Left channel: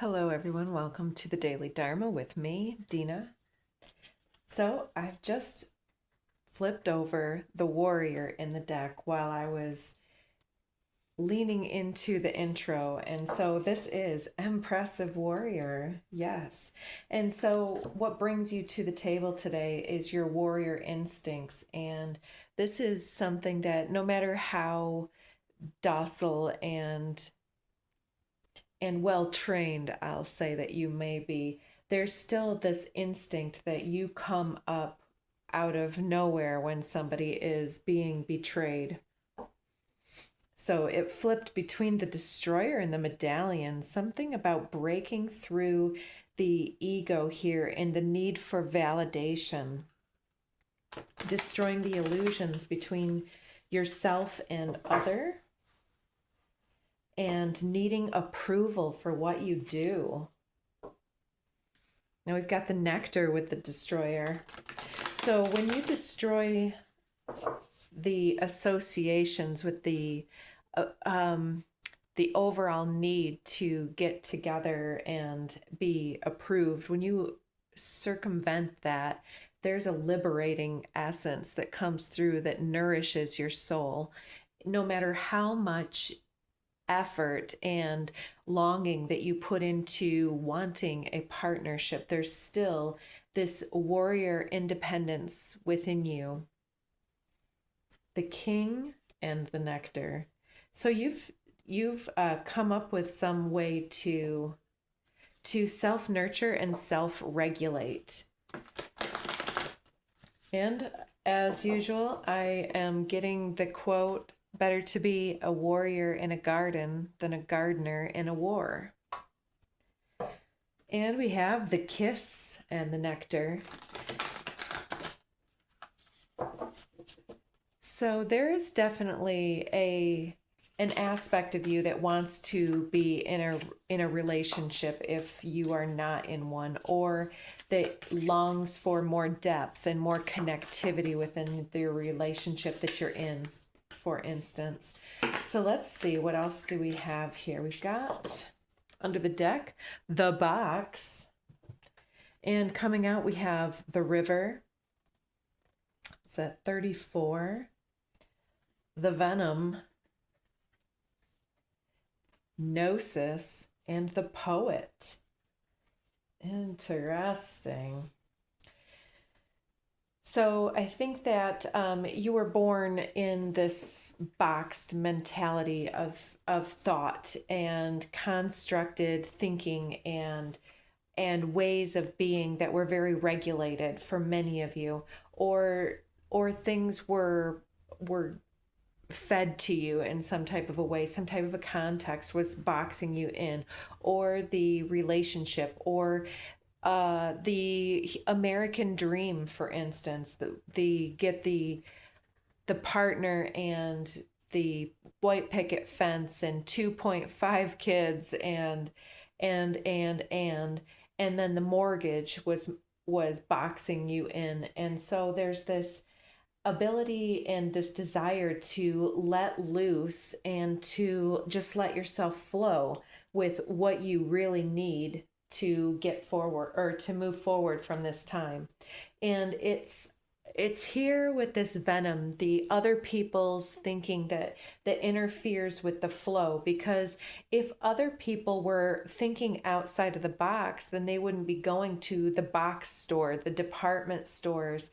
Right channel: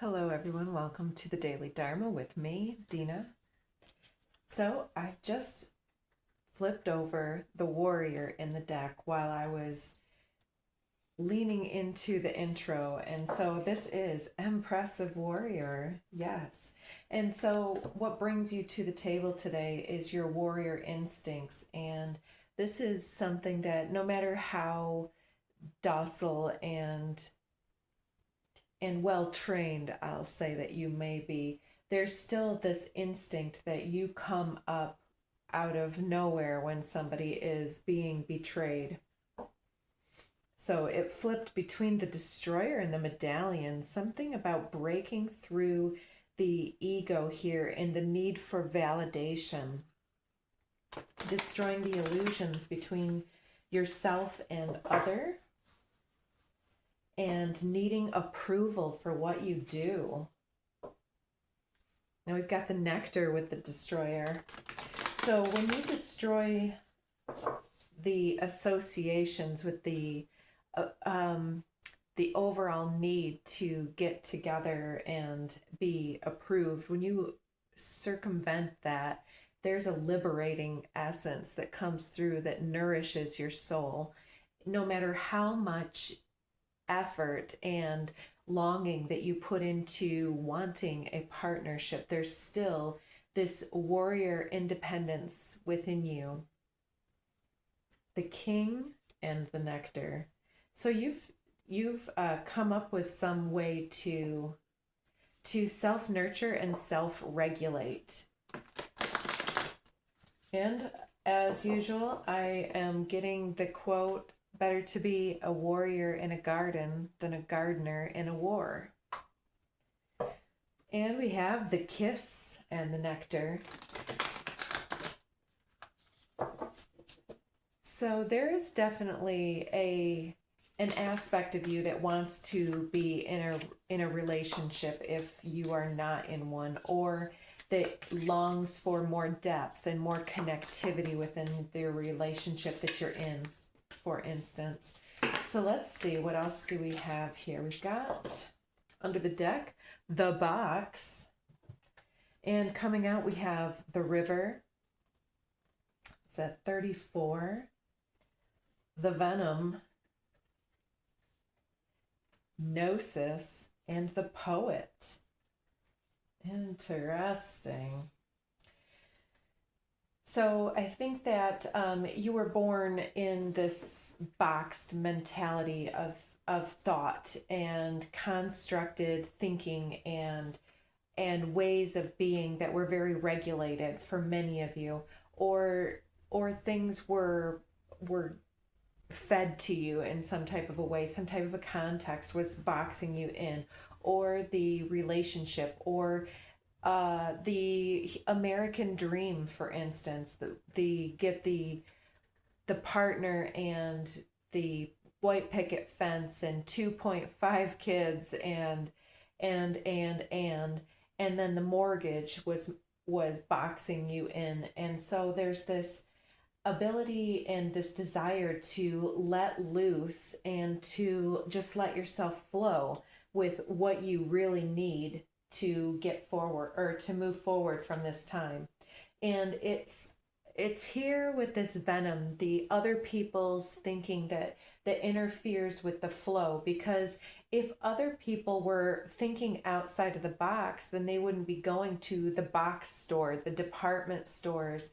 Hello, everyone. Welcome to the Daily Dharma with me, Dina. So, I've just flipped over the warrior in the deck while I was leaning into the intro. And so, this is Impressive Warrior. Yes. And so, what brings you to the table today is your warrior instincts. And this is something that no matter how docile and well trained, I'll say that you may be, there's still this instinct that you come up out of nowhere when somebody is being betrayed. So it flipped between the destroyer and the medallion, something about breaking through the ego here and the need for validation, destroying the illusions between yourself and other, and needing approval for what you do. Now we've got the nectar with the destroyer. So when you destroy the associations with the overall need to get together and be approved, when you circumvent that, there's a liberating essence that comes through that nourishes your soul. No matter how much effort and longing that you put into wanting a partnership, there's still this warrior independence within you. The king and the nectar. So you've come up with some way to self-nurture and self-regulate. And as usual, I am getting the quote, "Better to be a warrior in a garden than a gardener in a war." And we have the kiss and the nectar. So there is definitely an aspect of you that wants to be in a relationship if you are not in one, or that longs for more depth and more connectivity within the relationship that you're in, for instance. So let's see, what else do we have here? We've got under the deck, the box. And coming out, we have the river. It's at 34. The venom, gnosis, and the poet. Interesting. So I think that you were born in this boxed mentality of thought and constructed thinking and ways of being that were very regulated for many of you, or things were fed to you in some type of a way, some type of a context was boxing you in, or the relationship, or the American dream, for instance, the get the partner and the white picket fence and 2.5 kids and then the mortgage was boxing you in. And so there's this ability and this desire to let loose and to just let yourself flow with what you really need to get forward or to move forward from this time. And it's here with this venom, the other people's thinking that interferes with the flow, because if other people were thinking outside of the box, then they wouldn't be going to the box store, the department stores,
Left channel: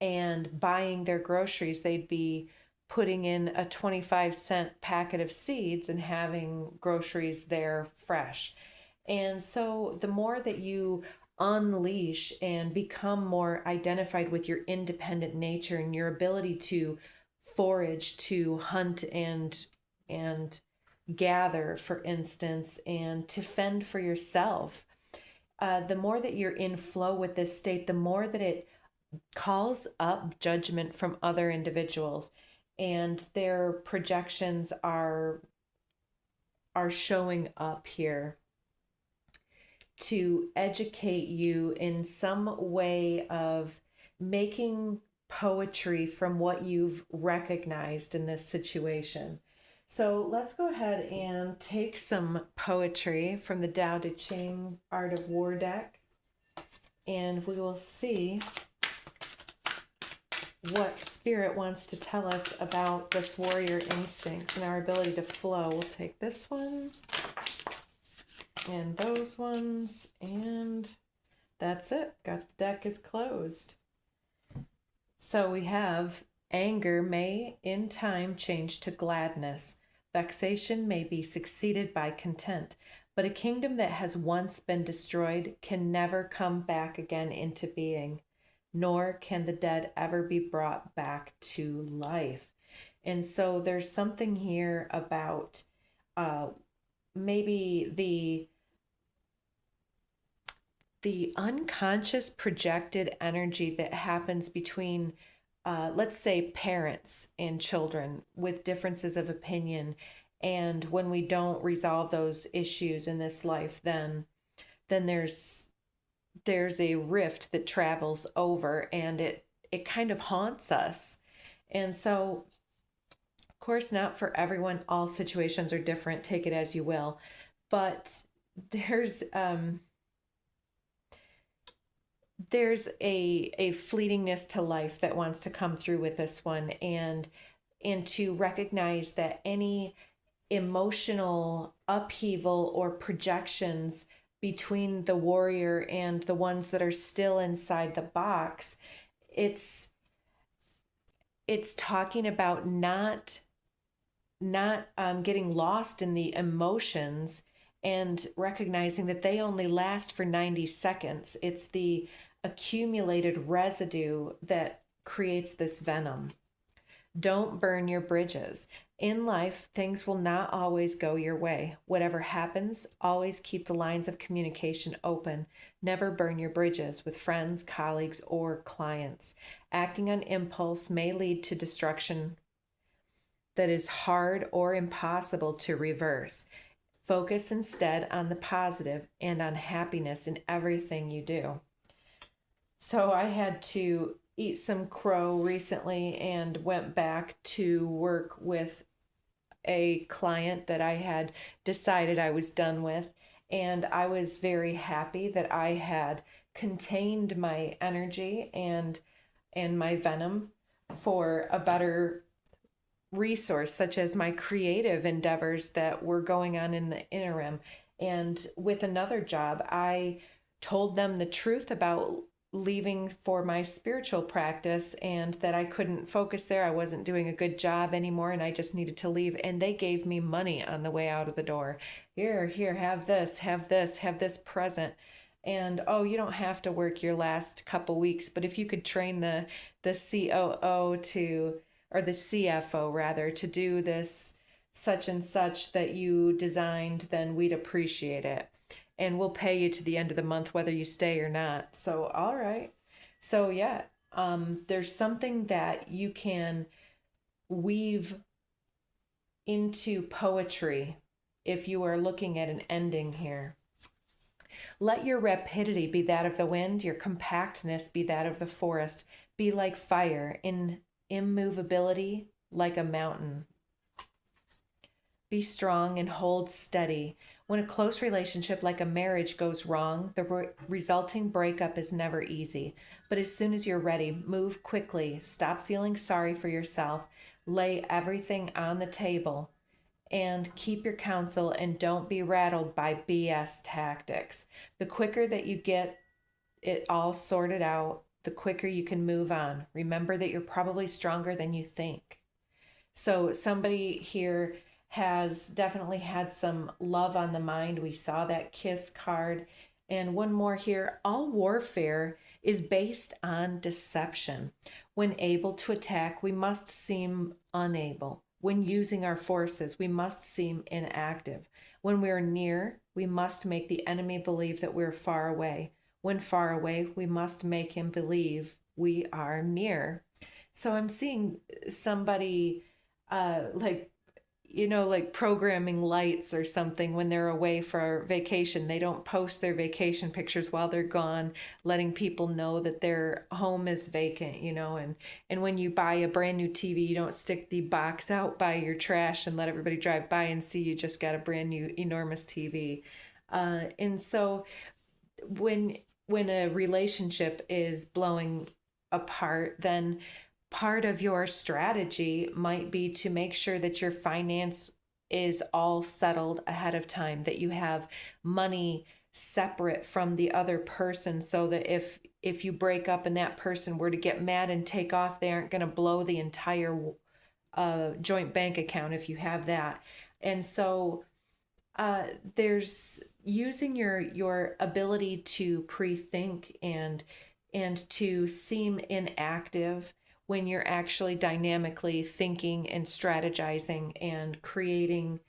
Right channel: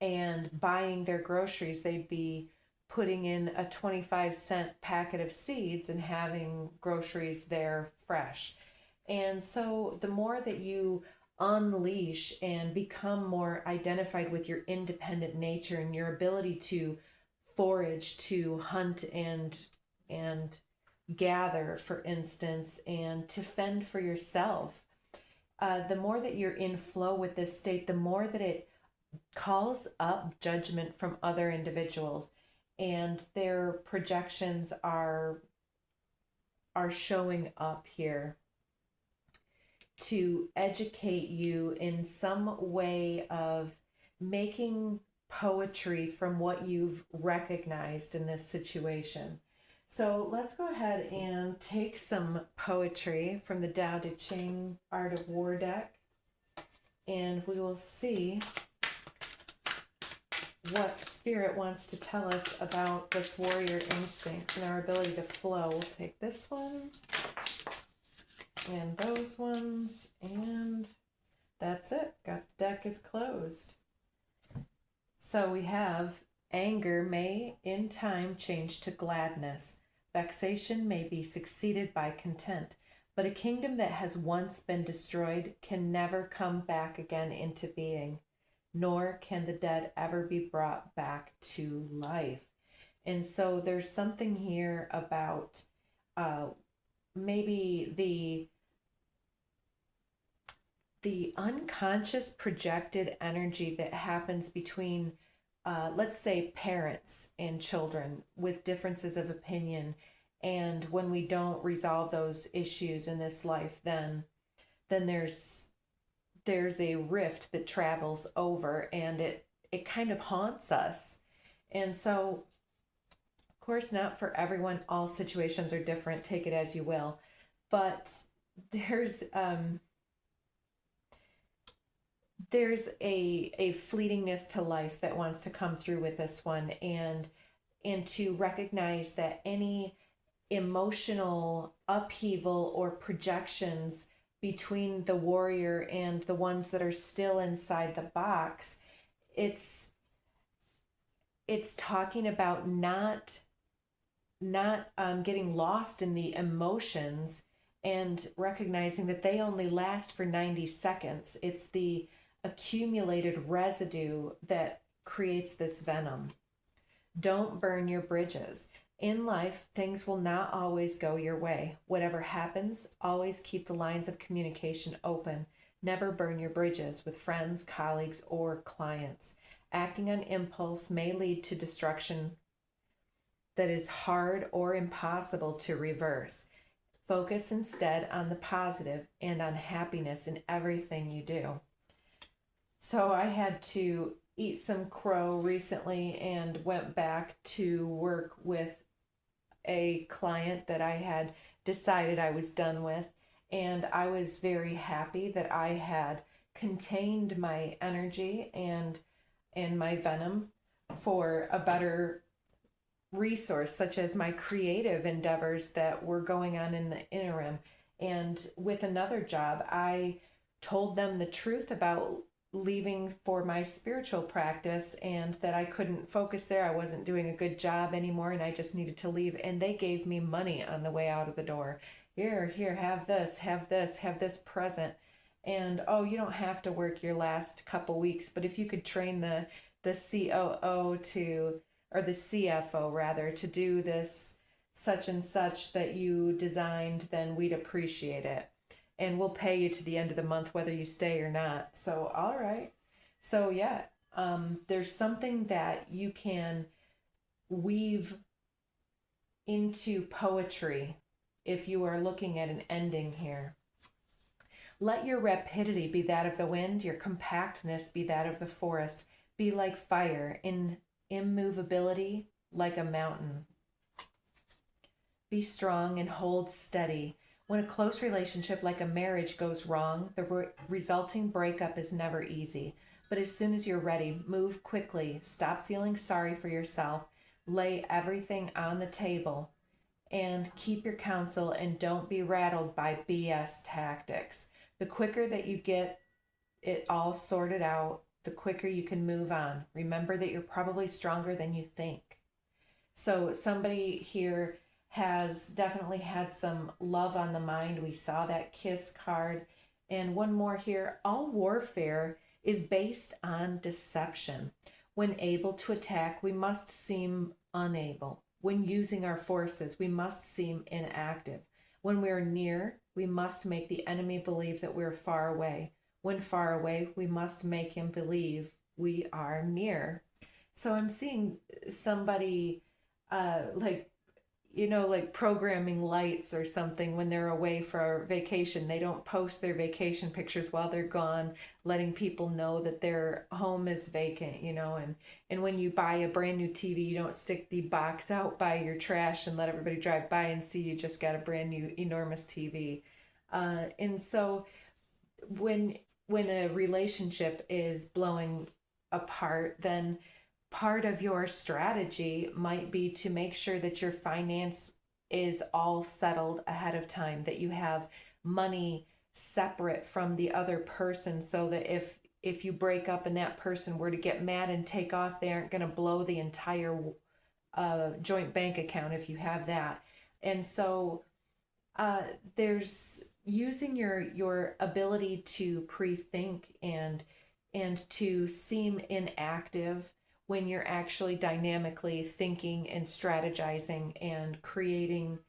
and buying their groceries. They'd be putting in a 25-cent packet of seeds and having groceries there fresh. And so the more that you unleash and become more identified with your independent nature and your ability to forage, to hunt and gather, for instance, and to fend for yourself, the more that you're in flow with this state, the more that it calls up judgment from other individuals, and their projections are showing up here to educate you in some way of making poetry from what you've recognized in this situation. So let's go ahead and take some poetry from the Tao Te Ching Art of War deck, and we will see what Spirit wants to tell us about this warrior instinct and our ability to flow. We'll take this one and those ones, and that's it. Got the deck is closed. So we have anger may in time change to gladness. Vexation may be succeeded by content. But a kingdom that has once been destroyed can never come back again into being, nor can the dead ever be brought back to life. And so there's something here about maybe the unconscious projected energy that happens between let's say parents and children with differences of opinion, and when we don't resolve those issues in this life, then there's a rift that travels over, and it kind of haunts us. And so, of course, not for everyone, all situations are different, take it as you will, but there's a fleetingness to life that wants to come through with this one, and to recognize that any emotional upheaval or projections between the warrior and the ones that are still inside the box, it's talking about not getting lost in the emotions and recognizing that they only last for 90 seconds. It's the accumulated residue that creates this venom. Don't burn your bridges. In life, things will not always go your way. Whatever happens, always keep the lines of communication open. Never burn your bridges with friends, colleagues, or clients. Acting on impulse may lead to destruction that is hard or impossible to reverse. Focus instead on the positive and on happiness in everything you do. So I had to eat some crow recently and went back to work with a client that I had decided I was done with. And I was very happy that I had contained my energy and my venom for a better resource, such as my creative endeavors that were going on in the interim. And with another job, I told them the truth about leaving for my spiritual practice, and that I couldn't focus there. I wasn't doing a good job anymore, and I just needed to leave. And they gave me money on the way out of the door. Here, have this present. And oh, you don't have to work your last couple weeks, but if you could train the COO to, or the CFO rather, to do this such and such that you designed, then we'd appreciate it. And we'll pay you to the end of the month whether you stay or not. So, all right. So, yeah, there's something that you can weave into poetry if you are looking at an ending here. Let your rapidity be that of the wind, your compactness be that of the forest. Be like fire, in immovability like a mountain. Be strong and hold steady. When a close relationship like a marriage goes wrong, the resulting breakup is never easy. But as soon as you're ready, move quickly. Stop feeling sorry for yourself. Lay everything on the table and keep your counsel, and don't be rattled by BS tactics. The quicker that you get it all sorted out, the quicker you can move on. Remember that you're probably stronger than you think. So somebody here has definitely had some love on the mind. We saw that kiss card. And one more here. All warfare is based on deception. When able to attack, we must seem unable. When using our forces, we must seem inactive. When we are near, we must make the enemy believe that we're far away. When far away, we must make him believe we are near. So I'm seeing somebody like like programming lights or something when they're away for vacation. They don't post their vacation pictures while they're gone, letting people know that their home is vacant, and when you buy a brand new TV, you don't stick the box out by your trash and let everybody drive by and see you just got a brand new enormous TV. And so when a relationship is blowing apart, then part of your strategy might be to make sure that your finance is all settled ahead of time, that you have money separate from the other person, so that if you break up and that person were to get mad and take off, they aren't going to blow the entire joint bank account if you have that. And so there's using your ability to pre-think and to seem inactive when you're actually dynamically thinking and strategizing and creating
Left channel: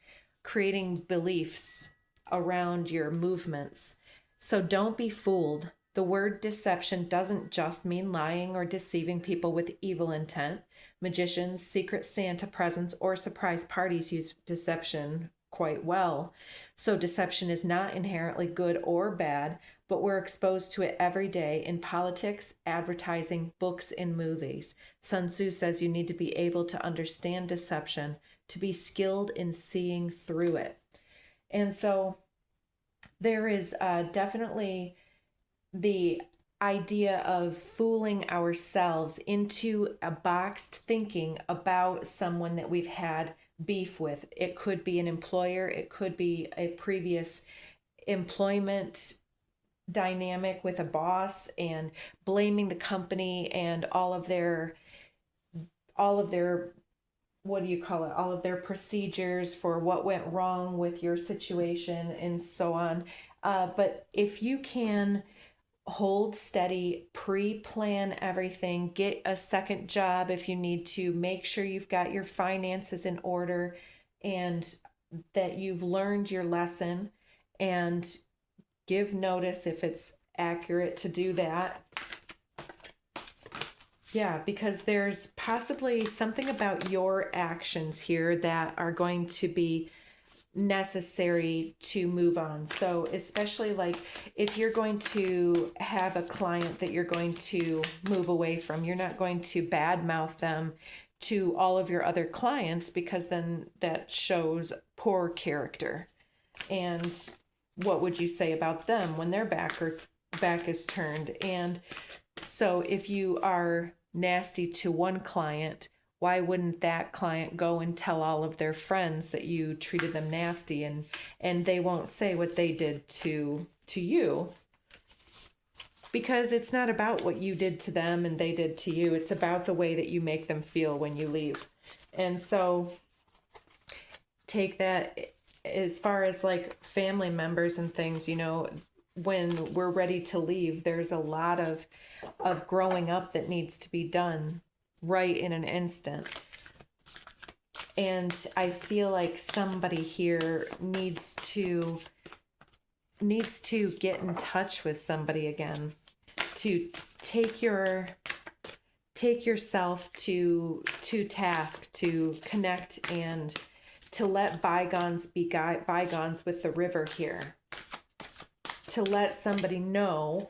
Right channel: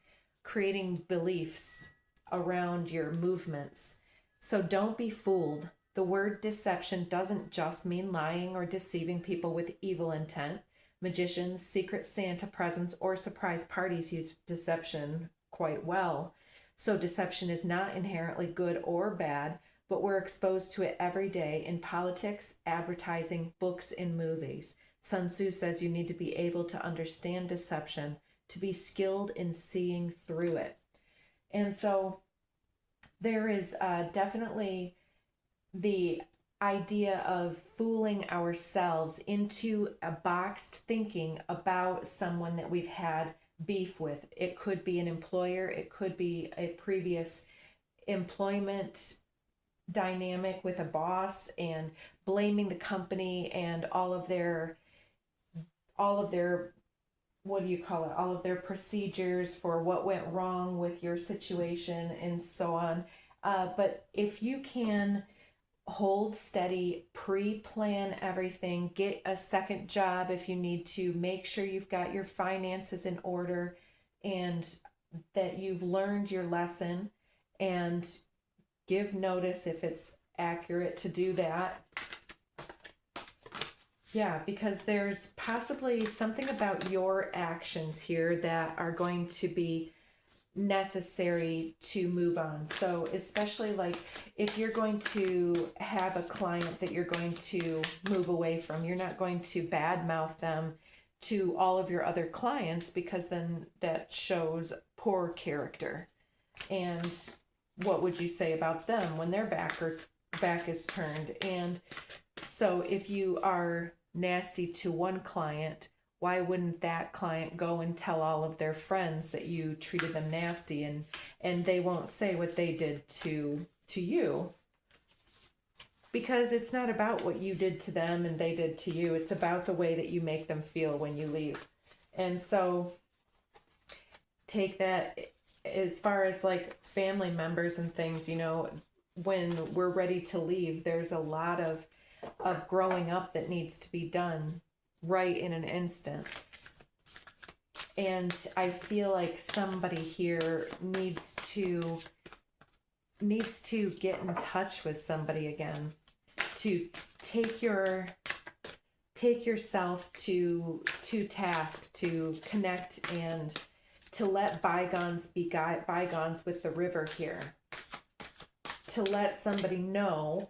beliefs around your movements. So don't be fooled. The word deception doesn't just mean lying or deceiving people with evil intent. Magicians, secret Santa presents, or surprise parties use deception quite well. So deception is not inherently good or bad, but we're exposed to it every day in politics, advertising, books, and movies. Sun Tzu says you need to be able to understand deception, to be skilled in seeing through it. And so there is definitely the idea of fooling ourselves into a boxed thinking about someone that we've had beef with. It could be an employer, it could be a previous employment dynamic with a boss, and blaming the company and all of their what do you call it, all of their procedures for what went wrong with your situation and so on. But if you can hold steady, pre-plan everything, get a second job if you need to, make sure you've got your finances in order and that you've learned your lesson, and give notice if it's accurate to do that. Yeah, because there's possibly something about your actions here that are going to be necessary to move on. So especially like if you're going to have a client that you're going to move away from, you're not going to badmouth them to all of your other clients, because then that shows poor character. And what would you say about them when their back is turned? And so if you are nasty to one client, why wouldn't that client go and tell all of their friends that you treated them nasty, and they won't say what they did to you? Because it's not about what you did to them and they did to you. It's about the way that you make them feel when you leave. And so take that as far as like family members and things, when we're ready to leave, there's a lot of growing up that needs to be done right in an instant. And I feel like somebody here needs to get in touch with somebody again, to take yourself to task, to connect, and to let bygones be bygones with the river here, to let somebody know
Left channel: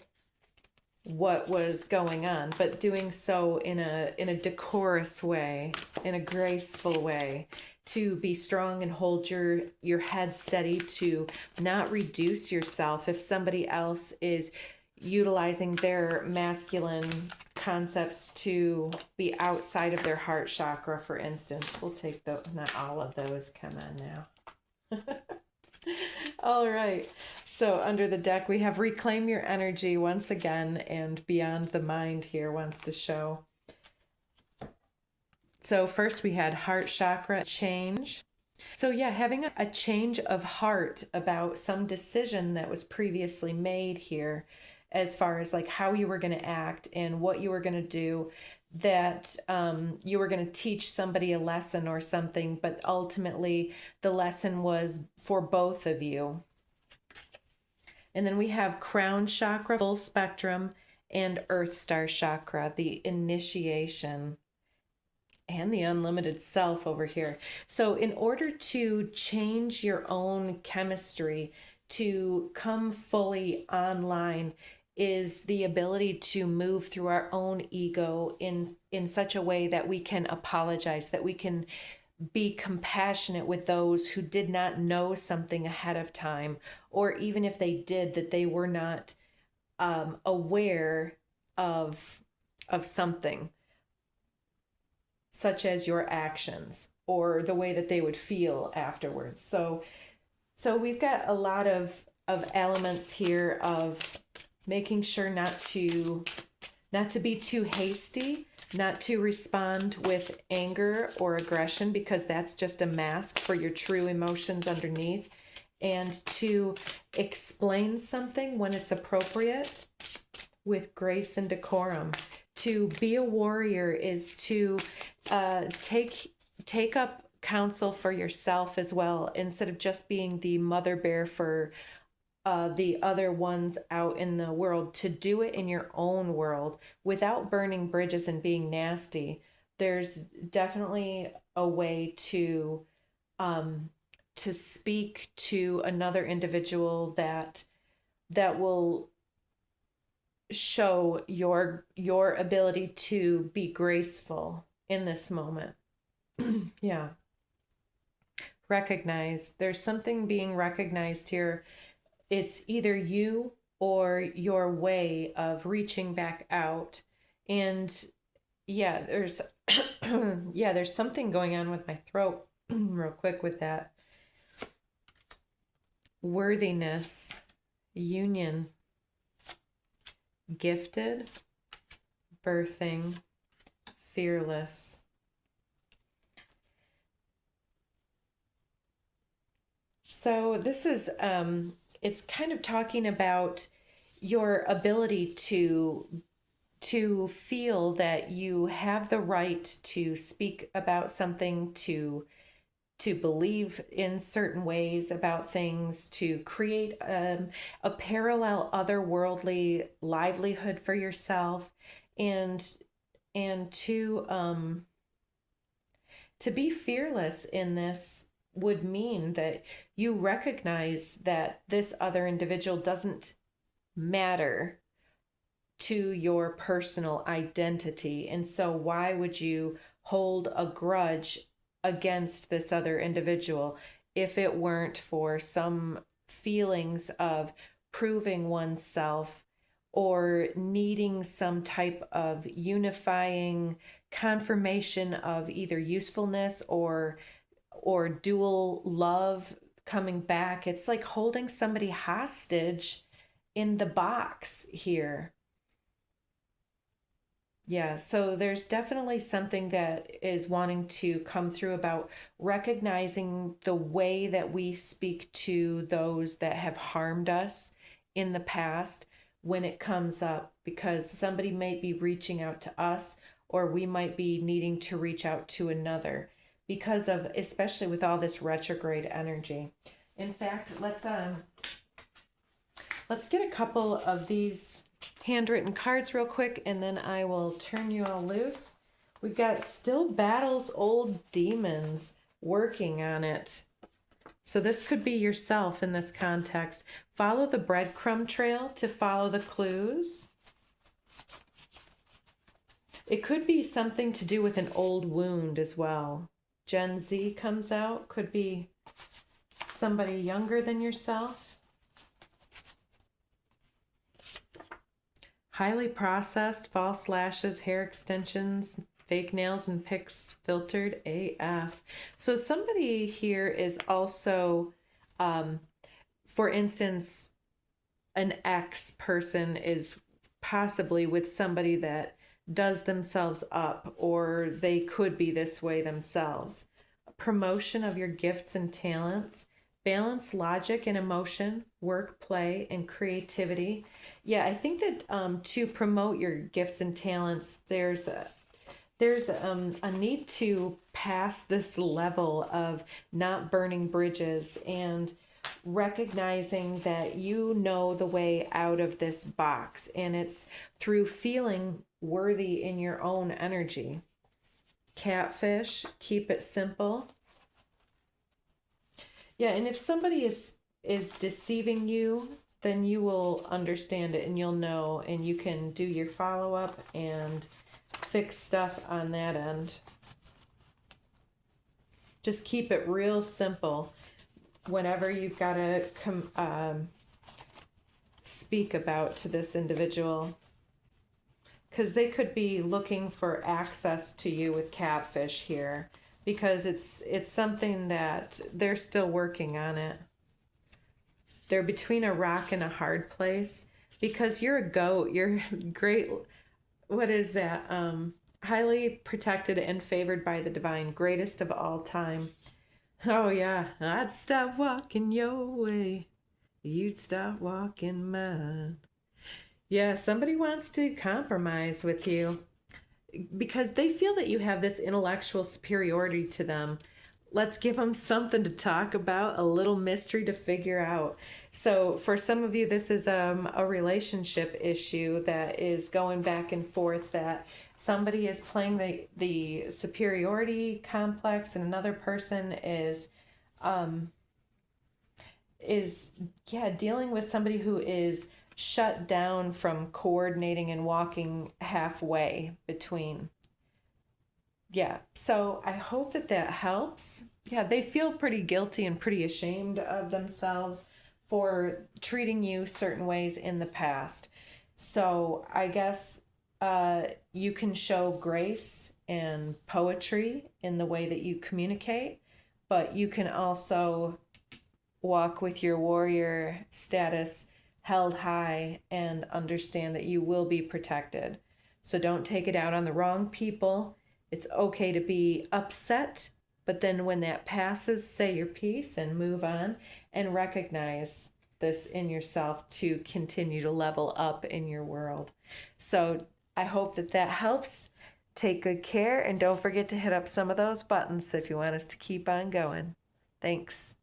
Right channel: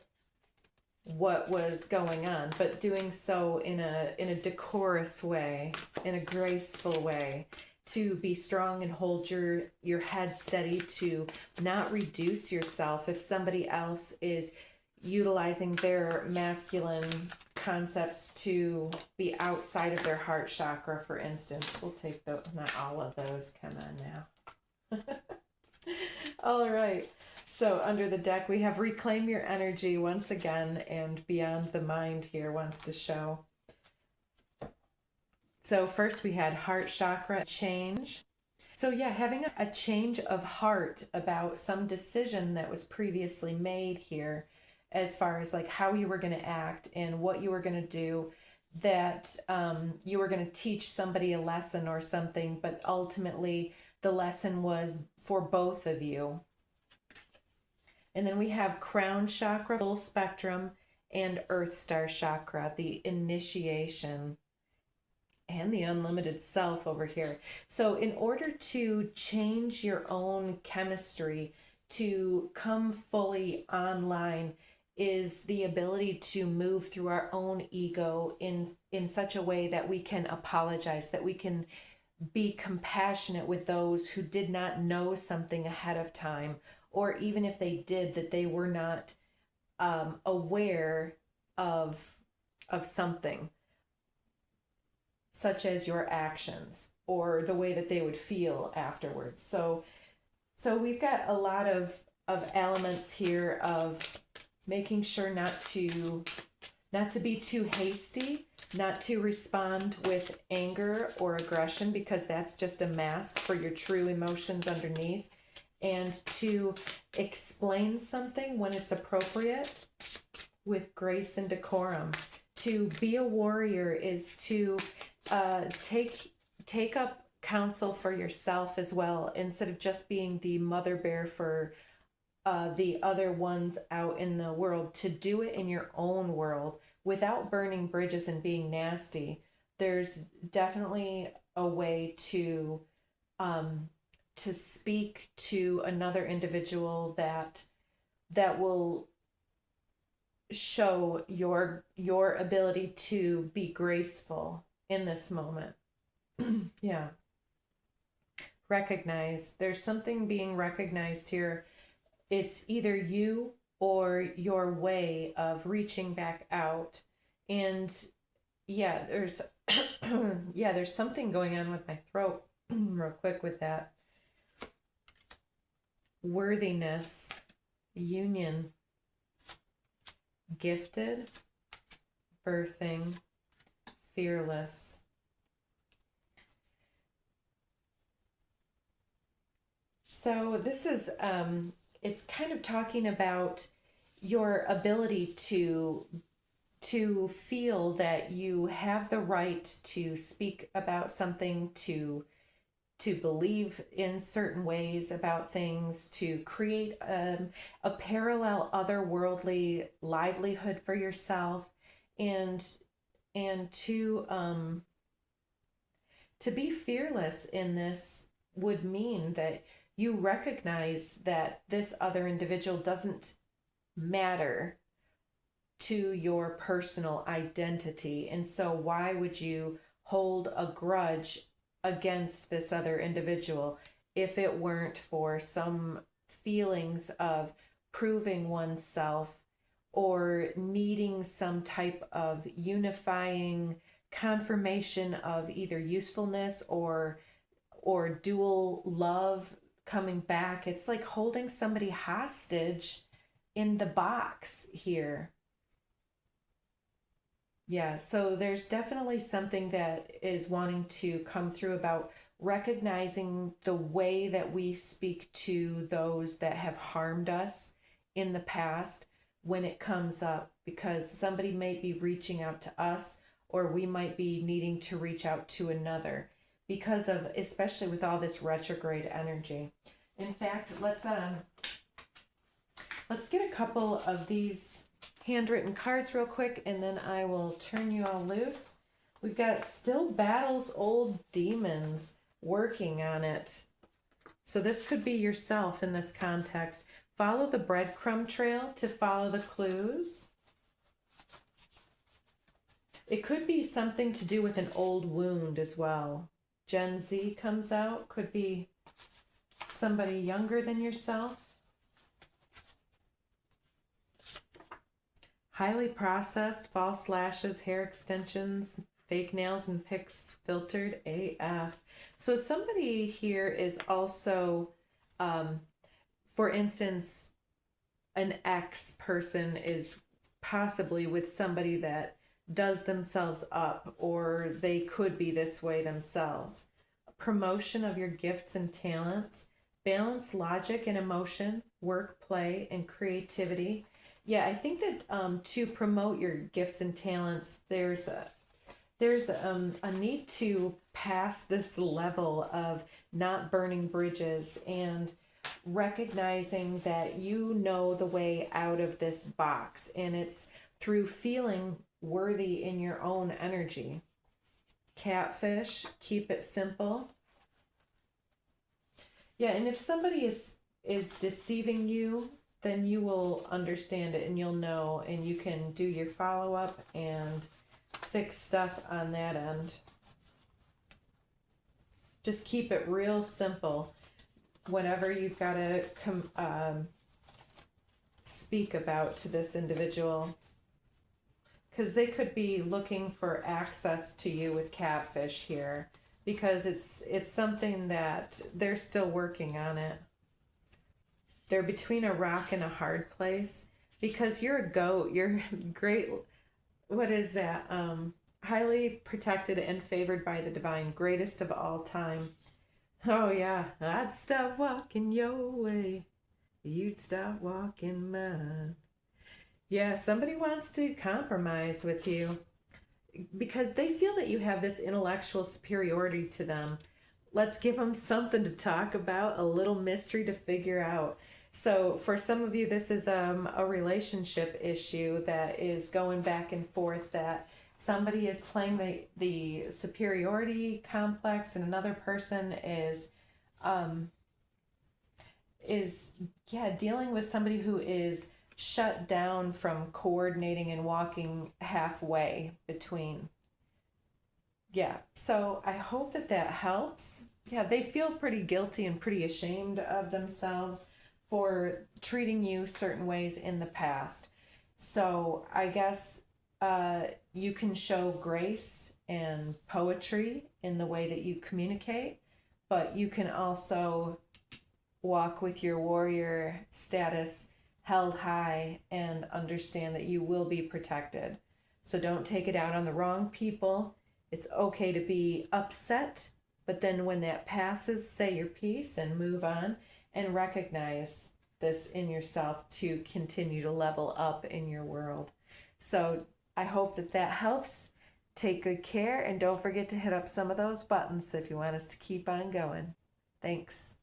what was going on, but doing so in a decorous way, in a graceful way, to be strong and hold your head steady, to not reduce yourself if somebody else is utilizing their masculine concepts to be outside of their heart chakra, for instance. We'll take those, not all of those. Come on now. All right. So under the deck, we have Reclaim Your Energy once again, and Beyond the Mind here wants to show. So first we had heart chakra change. So yeah, having a change of heart about some decision that was previously made here, as far as like how you were going to act and what you were going to do, that you were going to teach somebody a lesson or something, but ultimately the lesson was for both of you. And then we have crown chakra, full spectrum, and earth star chakra, the initiation. and the unlimited self over here. So in order to change your own chemistry, to come fully online, is the ability to move through our own ego in such a way that we can apologize, that we can be compassionate with those who did not know something ahead of time, or even if they did, that they were not aware of something, such as your actions or the way that they would feel afterwards. So we've got a lot of elements here of making sure not to be too hasty, not to respond with anger or aggression, because that's just a mask for your true emotions underneath, and to explain something when it's appropriate with grace and decorum. To be a warrior is to take up counsel for yourself as well, instead of just being the mother bear for the other ones out in the world. To do it in your own world without burning bridges and being nasty. There's definitely a way to speak to another individual that will show your ability to be graceful in this moment. Yeah. Recognize. There's something being recognized here. It's either you or your way of reaching back out. And yeah, there's there's something going on with my throat real quick with that. Worthiness, union, gifted, birthing, fearless. So this is it's kind of talking about your ability to feel that you have the right to speak about something, to believe in certain ways about things, to create a parallel otherworldly livelihood for yourself, and to be fearless in this would mean that you recognize that this other individual doesn't matter to your personal identity. And so why would you hold a grudge against this other individual if it weren't for some feelings of proving oneself or needing some type of unifying confirmation of either usefulness or dual love coming back? It's like holding somebody hostage in the box here. Yeah, so there's definitely something that is wanting to come through about recognizing the way that we speak to those that have harmed us in the past when it comes up, because somebody might be reaching out to us, or we might be needing to reach out to another, because of, especially with all this retrograde energy. In fact, let's get a couple of these handwritten cards real quick, and then I will turn you all loose. We've got still battles old demons, working on it. So this could be yourself in this context. Follow the breadcrumb trail to follow the clues. It could be something to do with an old wound as well. Gen Z comes out, could be somebody younger than yourself. Highly processed, false lashes, hair extensions, fake nails and pics, filtered AF. So somebody here is also, for instance, an ex person is possibly with somebody that does themselves up, or they could be this way themselves. Promotion of your gifts and talents. Balance logic and emotion, work, play, and creativity. Yeah, I think that to promote your gifts and talents, there's a need to pass this level of not burning bridges and recognizing that you know the way out of this box, and it's through feeling worthy in your own energy. catfish, keep it simple. Yeah, and if somebody is deceiving you, then you will understand it and you'll know, and you can do your follow-up and fix stuff on that end. Just keep it real simple whenever you've got to speak about to this individual, because they could be looking for access to you with catfish here, because it's something that they're still working on it. They're between a rock and a hard place, because you're a goat. You're great. What is that? Highly protected and favored by the divine, greatest of all time. Oh yeah, I'd stop walking your way, you'd stop walking mine. Yeah, somebody wants to compromise with you because they feel that you have this intellectual superiority to them. Let's give them something to talk about, a little mystery to figure out. So for some of you, this is a relationship issue that is going back and forth, that somebody is playing the superiority complex and another person is dealing with somebody who is shut down from coordinating and walking halfway between. Yeah, so I hope that that helps. Yeah, they feel pretty guilty and pretty ashamed of themselves for treating you certain ways in the past. So I guess you can show grace and poetry in the way that you communicate, but you can also walk with your warrior status held high and understand that you will be protected. So don't take it out on the wrong people. It's okay to be upset, but then when that passes, say your piece and move on, and recognize this in yourself to continue to level up in your world. So I hope that that helps. Take good care, and don't forget to hit up some of those buttons if you want us to keep on going. Thanks.